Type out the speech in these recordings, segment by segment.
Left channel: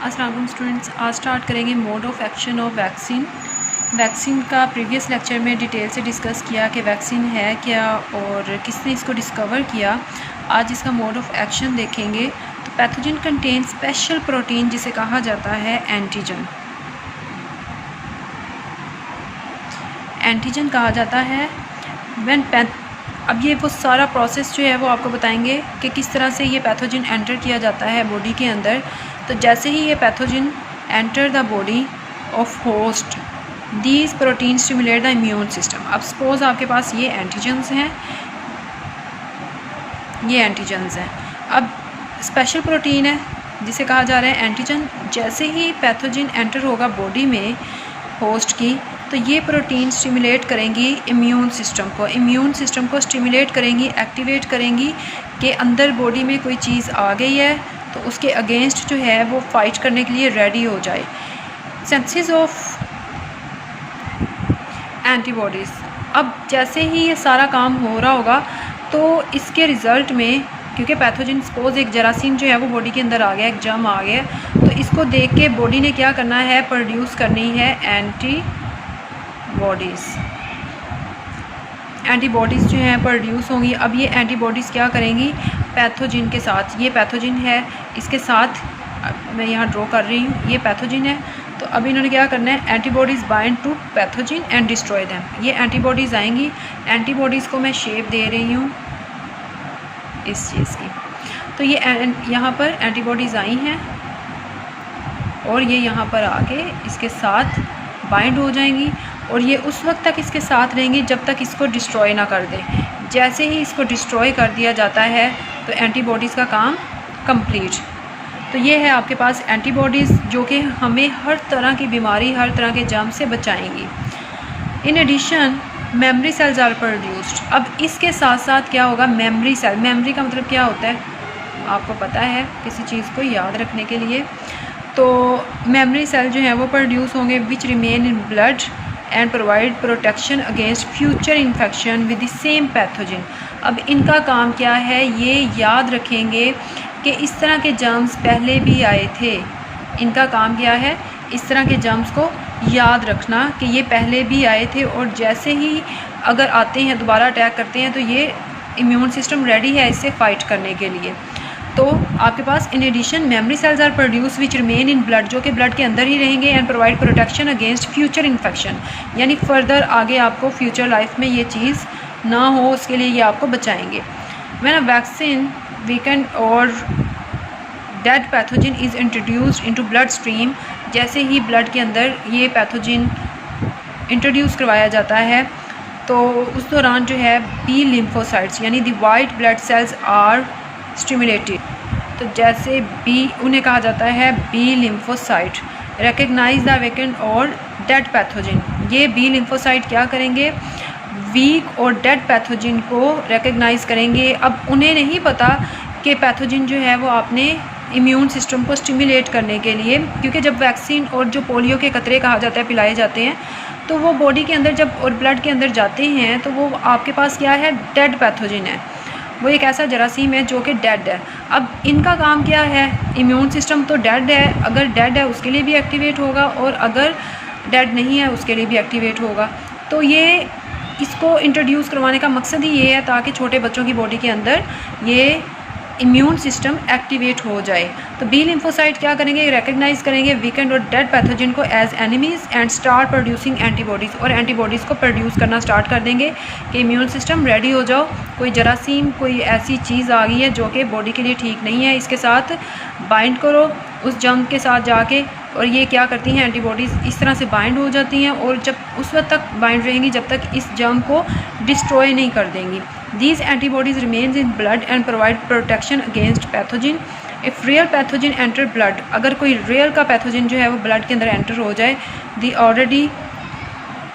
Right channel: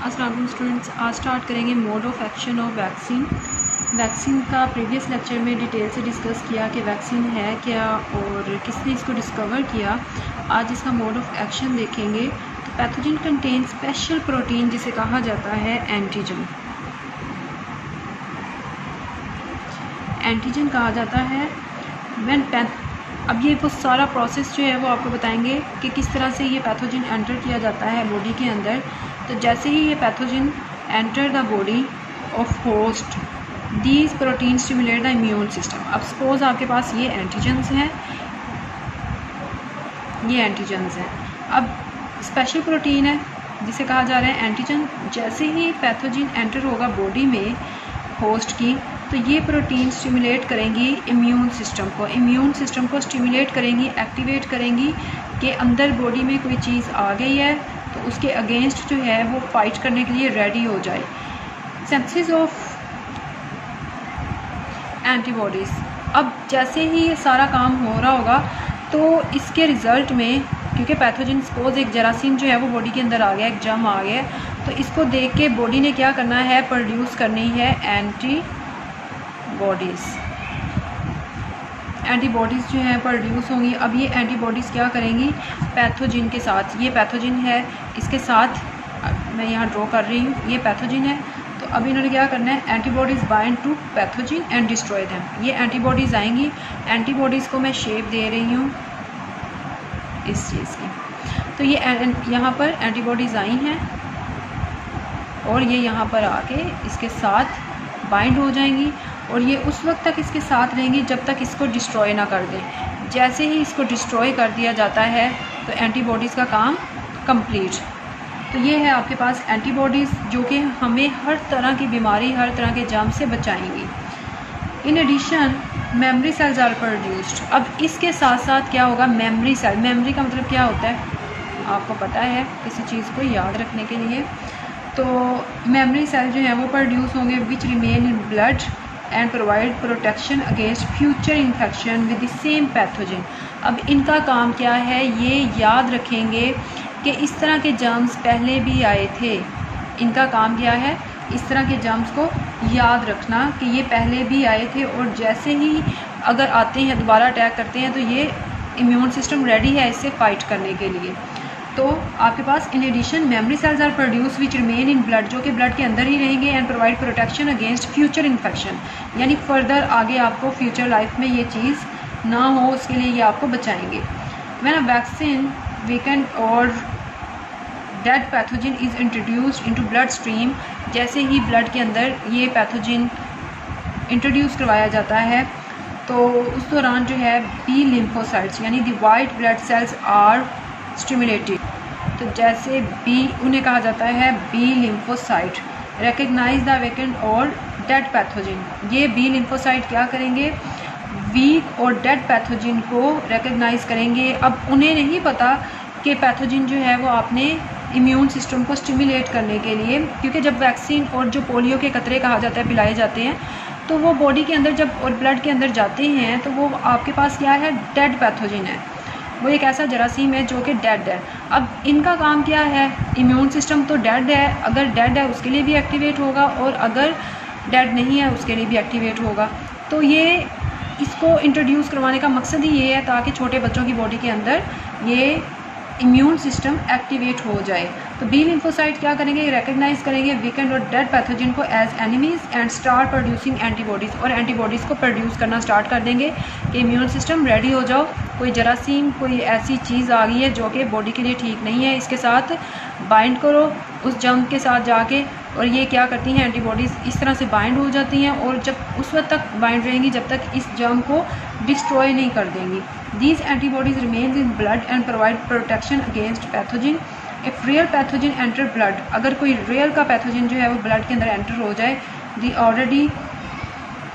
अस्सलाम वालेकुम स्टूडेंट्स, आज स्टार्ट करेंगे mode of action of vaccine. Vaccine का प्रीवियस लेक्चर में डिटेल से डिस्कस किया कि वैक्सीन है क्या और किसने इसको डिस्कवर किया। आज इसका मोड ऑफ़ एक्शन देखेंगे। तो पैथोजन कंटेन स्पेशल प्रोटीन जिसे कहा जाता है एंटीजन। एंटीजन कहा जाता है अब ये वो सारा प्रोसेस जो है वो आपको बताएंगे कि किस तरह से ये पैथोजन एंटर किया जाता है बॉडी के अंदर। तो जैसे ही ये pathogen enter the body of host, these protein stimulate the immune system. अब सपोज आपके पास ये एंटीजन्स हैं, अब स्पेशल प्रोटीन है जिसे कहा जा रहा है एंटीजन। जैसे ही पैथोजन एंटर होगा बॉडी में होस्ट की, तो ये प्रोटीन स्टिमुलेट करेंगी इम्यून सिस्टम को स्टिमुलेट करेंगी, एक्टिवेट करेंगी कि अंदर बॉडी में कोई चीज़ आ गई है तो उसके अगेंस्ट जो है वो फाइट करने के लिए रेडी हो जाए। Synthesis of antibodies. अब जैसे ही ये सारा काम हो रहा होगा तो इसके रिज़ल्ट में, क्योंकि पैथोजन सपोज एक जरासीम जो है वो बॉडी के अंदर आ गया, एक जर्म आ गया, तो इसको देख के बॉडी ने क्या करना है, प्रोड्यूस करनी है एंटीबॉडीज़ जो हैं प्रोड्यूस होंगी। अब ये एंटीबॉडीज़ क्या करेंगी पैथोजन के साथ, ये पैथोजन है इसके साथ, मैं यहाँ ड्रॉ कर रही हूँ, ये पैथोजन है। तो अब इन्होंने क्या करना है, antibodies bind to pathogen and destroy them. ये एंटीबॉडीज़ आएंगी, एंटीबॉडीज़ को मैं शेप दे रही हूँ इस चीज़ की। तो ये यहाँ पर एंटीबॉडीज़ आई हैं और ये यहाँ पर आके इसके साथ बाइंड हो जाएंगी और ये उस वक्त तक इसके साथ रहेंगी जब तक इसको डिस्ट्रॉय ना कर दे। जैसे ही इसको डिस्ट्रॉय कर दिया जाता है तो एंटीबॉडीज़ का काम कंप्लीट। तो ये है आपके पास एंटीबॉडीज़ जो कि हमें हर तरह की बीमारी, हर तरह के जर्म से बचाएंगी। In addition memory cells are produced. अब इसके साथ साथ क्या होगा, मेमोरी सेल। मेमोरी का मतलब क्या होता है आपको पता है, किसी चीज़ को याद रखने के लिए। तो मेमोरी सेल जो है वो प्रोड्यूस होंगे विच remain in blood and provide protection against future infection with the same pathogen. अब इनका काम क्या है, ये याद रखेंगे कि इस तरह के जर्म्स पहले भी आए थे। इनका काम क्या है, इस तरह के जर्म्स को याद रखना कि ये पहले भी आए थे और जैसे ही अगर आते हैं दोबारा अटैक करते हैं तो ये इम्यून सिस्टम रेडी है इससे फाइट करने के लिए। तो आपके पास in addition memory cells are produce which remain in blood, जो कि ब्लड के अंदर ही रहेंगे, and provide protection against future infection, यानी फर्दर आगे आपको फ्यूचर लाइफ में ये चीज़ ना हो उसके लिए ये आपको बचाएंगे। व्हेन अ वैक्सीन वीकेंड और dead pathogen is introduced into blood stream, जैसे ही ब्लड के अंदर ये पैथोजन इंट्रोड्यूस करवाया जाता है तो उस दौरान जो है बी लिम्फोसाइट्स यानी the white blood cells are stimulated. तो जैसे बी, उन्हें कहा जाता है B lymphocyte, recognise the weakened और डेड पैथोजन। ये बी लिम्फोसाइट क्या करेंगे, वीक और डेड पैथोजन को रिकग्नाइज करेंगे। अब उन्हें नहीं पता कि पैथोजन जो है वो आपने इम्यून सिस्टम को स्टिमुलेट करने के लिए, क्योंकि जब वैक्सीन और जो पोलियो के कतरे कहा जाता है पिलाए जाते हैं तो वो बॉडी के अंदर जब और ब्लड के अंदर जाते हैं तो वो आपके पास क्या है, डेड पैथोजन है, वो एक ऐसा जरासीम है जो कि डेड है। अब इनका काम क्या है, इम्यून सिस्टम तो डेड है, अगर डेड है उसके लिए भी एक्टिवेट होगा और अगर डेड नहीं है उसके लिए भी एक्टिवेट होगा। तो ये इसको इंट्रोड्यूस करवाने का मकसद ही ये है ताकि छोटे बच्चों की बॉडी के अंदर ये इम्यून सिस्टम एक्टिवेट हो जाए। तो बी लिम्फोसाइट क्या करेंगे, रिकग्नाइज करेंगे वीकेंड और डेड पैथोजन को as enemies and start producing antibodies, और एंटीबॉडीज़ को प्रोड्यूस करना स्टार्ट कर देंगे कि इम्यून सिस्टम रेडी हो जाओ, कोई जरासीम, कोई ऐसी चीज़ आ गई है जो कि बॉडी के लिए ठीक नहीं है, इसके साथ बाइंड करो उस जर्म के साथ जाके। और ये क्या करती हैं, एंटीबॉडीज़ इस तरह से बाइंड हो जाती हैं और जब उस वक्त तक बाइंड रहेंगी जब तक इस जर्म को डिस्ट्रॉय नहीं कर देंगी। These antibodies remains in blood and provide protection against pathogen. If real pathogen enter blood, अगर कोई real का पैथोजन जो है वो ब्लड के अंदर एंटर हो जाए, the already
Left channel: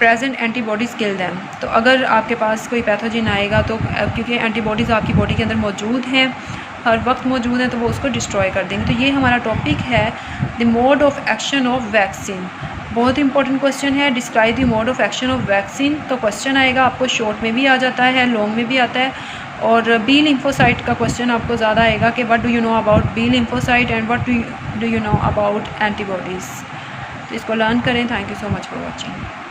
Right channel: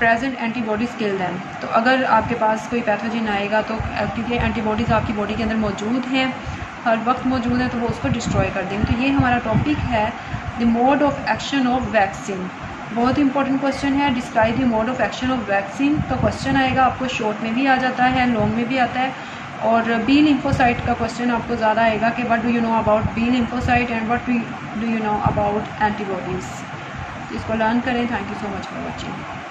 present antibodies kill them. तो अगर आपके पास कोई पैथोजन आएगा तो क्योंकि एंटीबॉडीज़ आपकी बॉडी के अंदर मौजूद हैं, हर वक्त मौजूद हैं, तो वो उसको डिस्ट्रॉय कर देंगे। तो ये हमारा टॉपिक है the mode of action of vaccine. बहुत इंपॉर्टेंट क्वेश्चन है, describe the mode of action of vaccine. तो क्वेश्चन आएगा आपको शॉर्ट में भी आ जाता है, लॉन्ग में भी आता है। और बी लिम्फोसाइट का क्वेश्चन आपको ज़्यादा आएगा कि what do you know about B lymphocyte and what do you know about antibodies. तो इसको लर्न करें। Thank you so much for watching.